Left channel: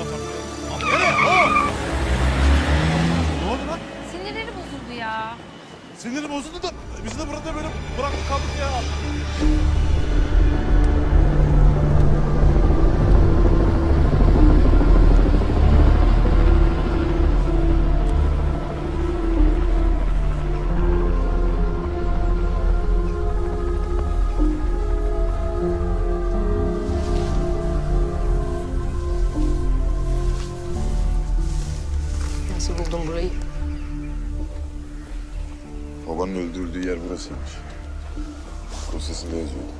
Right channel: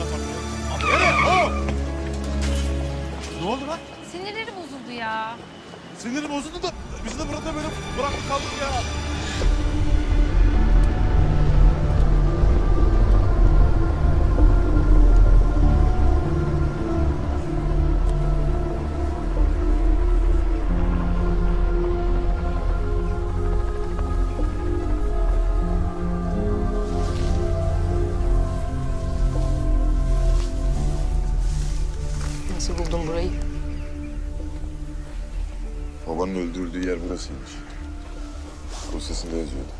Nereye? Ne oldu lan? Sinirleri bozuldu ya. Siniri bozuldu da biz de burada böyle bıraktık kaldık ya. Buldun burayı? Babanın öldürüldüğü yer burasıymış. Dosyasında yazıyordu.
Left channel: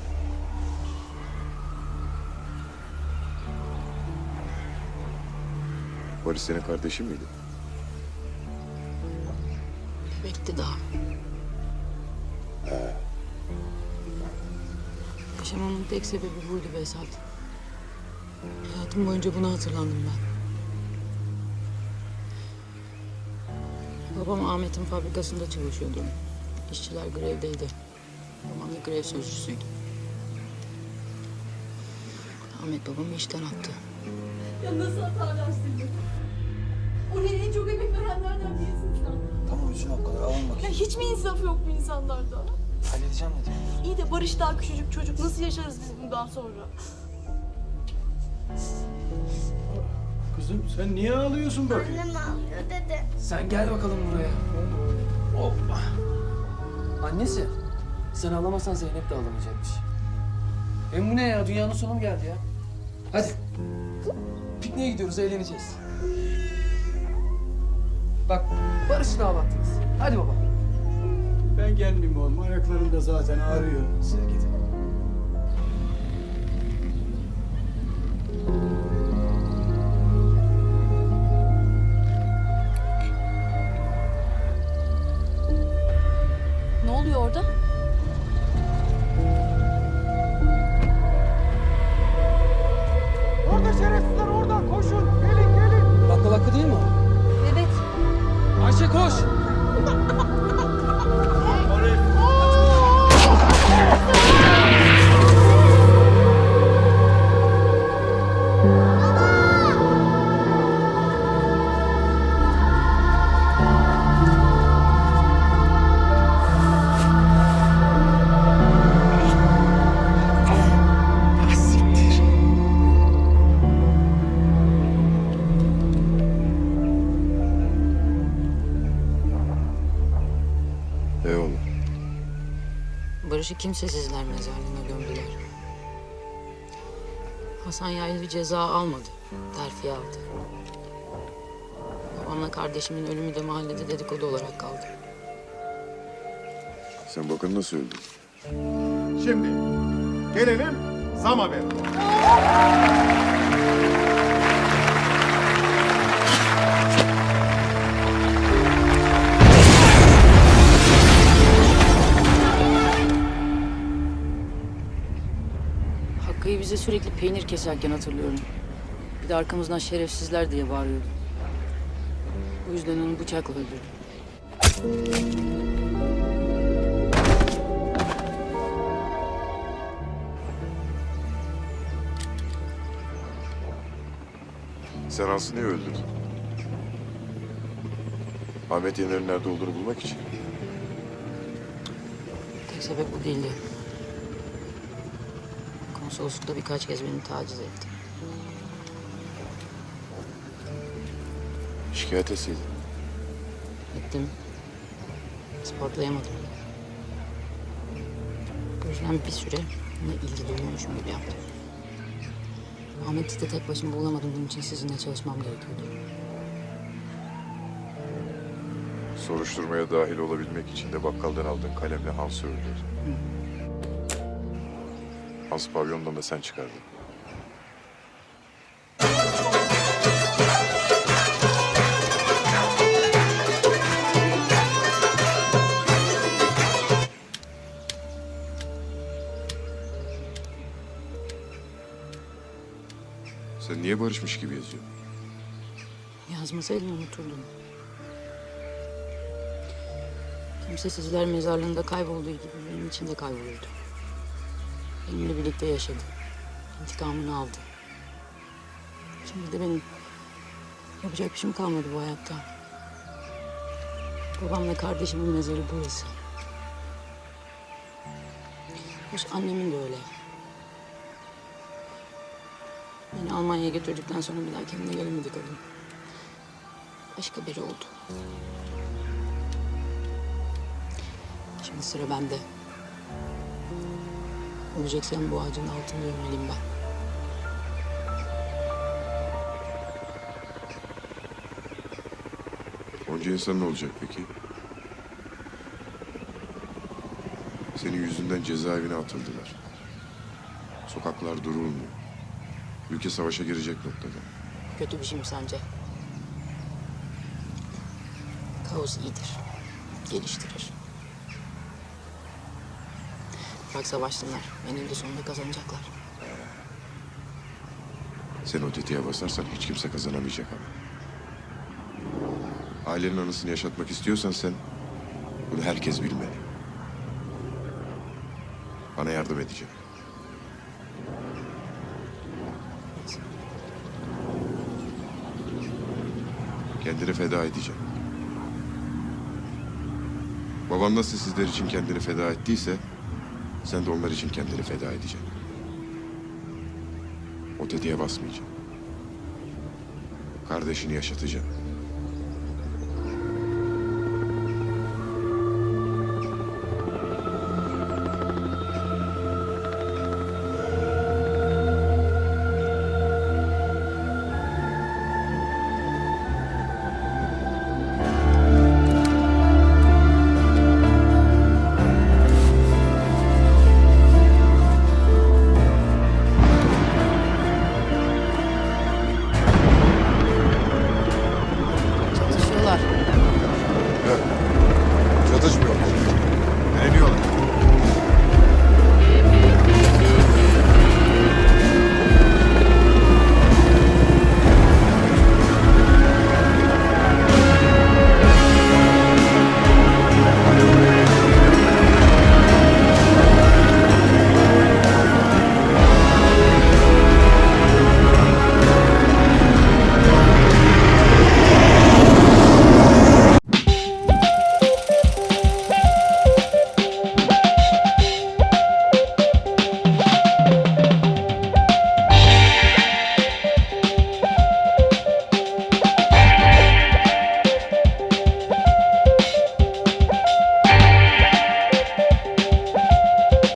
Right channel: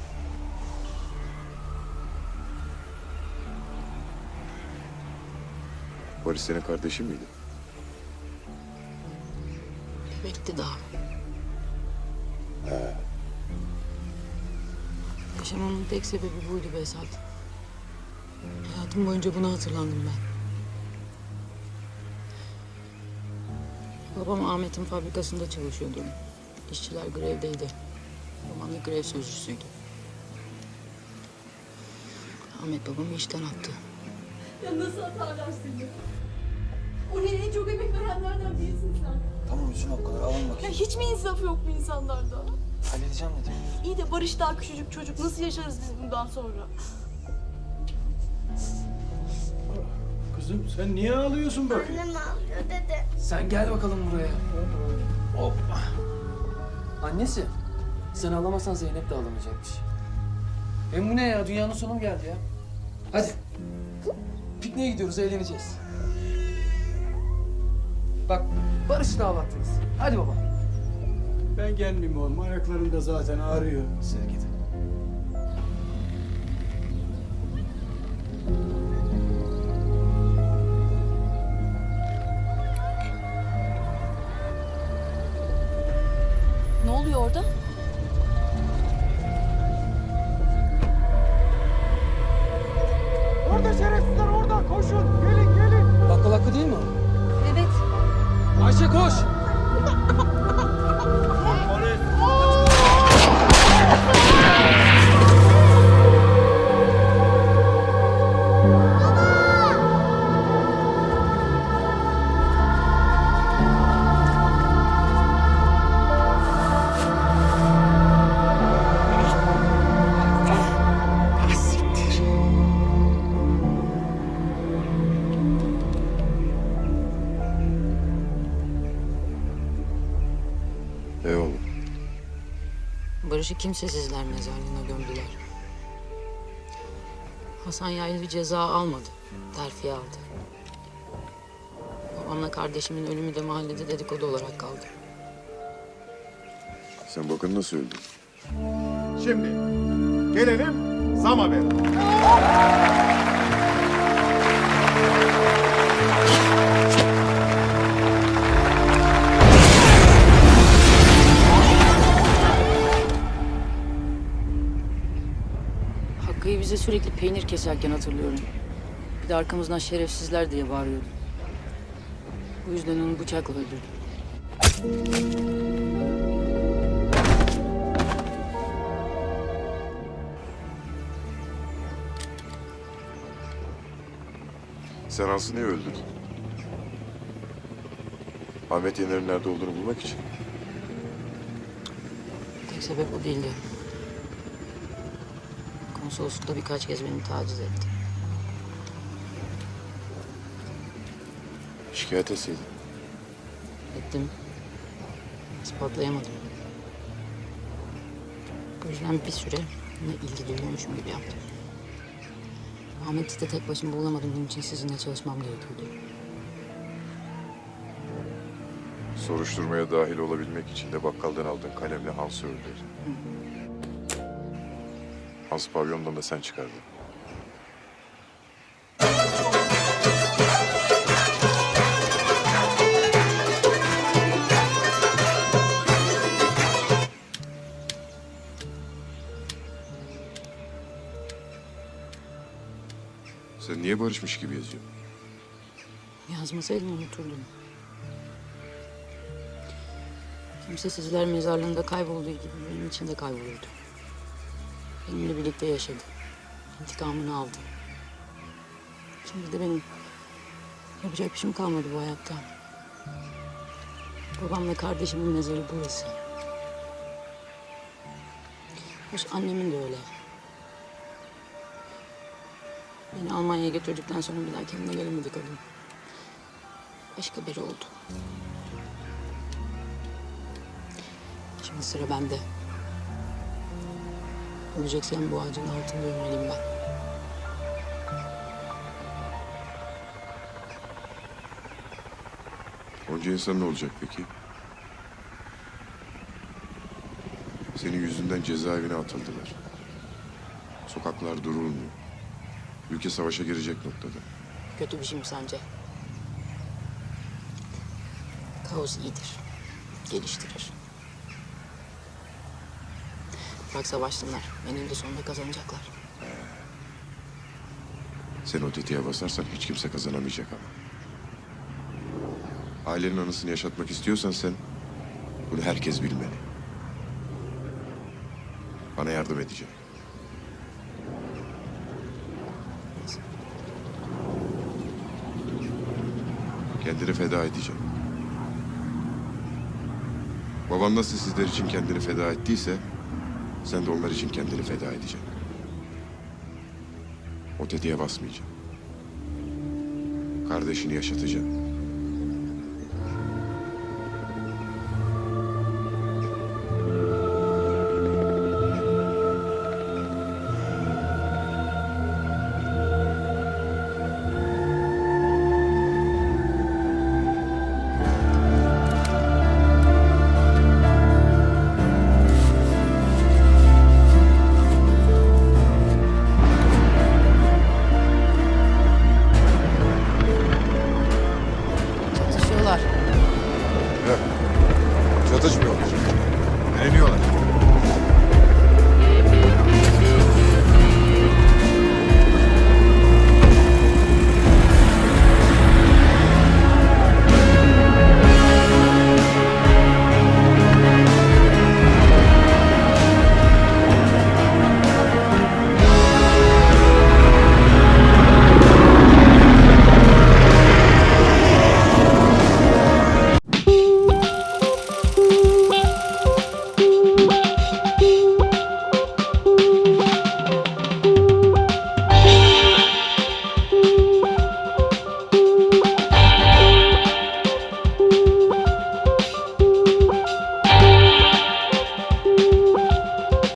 Barış senin kardeşin miydi? Bebekti daha. Yaşamamın tek sebebi buydu Behzat. Hayatım boyunca buna hatırlandım ben. Babam Ahmet'in fabrikasında çalışıyordu. İşçiler grevdeydi. Babam da grev sözcüsüydü. Ahmet babamı işten attı. Ya nasıl hatalar seni? Oraya en çok emek verenlerden birisin sen. Tamam üzülme o kadar alın Ya bakayım. hiç mi insaf yok bu insanlarda? Halledeceğim dedim. İyi de Barış daha küçücük çocuk. Nasıl yaşarız biz bundan sonra? Kızım sen niye ağlıyorsun bakayım? Annem ağlıyor dede. Sen gel bakalım buraya. Hoppa. Annesi. Sen ağlamasan Zeynep de ağlamayacakmış. Hem bu ne ya? Dünyanın sonu mu geldi ya? Hadi. Pikniğe gidiyoruz, eğleneceğiz. Bak, Barış'ı da ağlattınız. Hadi baba. Ben gelmeyeyim oğlum. Ayaklarım da zaten ağrıyor. Siz gidin. Oluyor orada? Orada şerefsizler orada. Koşun. Gelin gelin. Bakkal hakkı değil mi o? Evet. Ayşe koş. E Barış'ı kimsesizler mezarlığına gömdüler. Hasan Yaylı ceza almadı. Terfi aldı. Babamla kardeşimin ölümü de mahallede dedikodu olarak kaldı. Sen bakın nasıl öldün. Şimdi gelelim zam haberi. Bize sürekli peynir keserken hatırlıyorum. Bir de arkamızdan şerefsizler diye bağırıyordu. Bu yüzden onu bıçakla öldürdüm. Sen Hans'ı niye öldürdün? Ahmet Yener'in nerede olduğunu bulmak için. Tek sebep bu değildi. Konsoloslukta birkaç kez beni taciz etti. Şikayet etseydin. Ettim. İspatlayamadım. Bu yüzden bir süre ona ilgi duyuyormuşum gibi yaptım. Ahmet'i de tek başıma bulamadım. Bunun için sizinle çalışmam gerekiyordu. Soruşturmaya dahil olabilmek için de bakkaldan aldığın kalemle Hans'ı öldürdün. Hans pavyondan da sen çıkardın. Sen niye barışmış gibi yazıyorsun? Yazmasaydım unuturdum. Kimsesizler mezarlığında kaybolduğu gibi benim için de kaybolurdu. Benimle birlikte yaşadı. İntikamını aldı. Şimdi de benim yapacak bir şeyim kalmadı bu hayatta. Babamla kardeşimin mezarı burası. Hoş annemin de öyle. Beni Almanya'ya götürdükten sonra bir daha kendine gelemedi kadın. Başka biri oldu. Şimdi sıra bende. Öleceksem bu ağacın altında ölmeliyim ben. Onca insan ne olacak peki? Senin yüzünden cezaevine atıldılar. Sokaklar durulmuyor. Ülke savaşa girecek noktada. Kötü bir şey mi sence? Kaos iyidir. Geliştirir. Bak savaşsınlar. Eninde sonunda kazanacaklar. Sen o tetiğe basarsan hiç kimse kazanamayacak ama. Ailenin anısını yaşatmak istiyorsan sen bunu herkes bilmeli. Bana yardım edeceksin. Kendini feda edeceksin. Baban nasıl sizler için kendini feda ettiyse sen de onlar için kendini feda edeceksin. O tetiğe basmayacaksın. Kardeşini yaşatacaksın.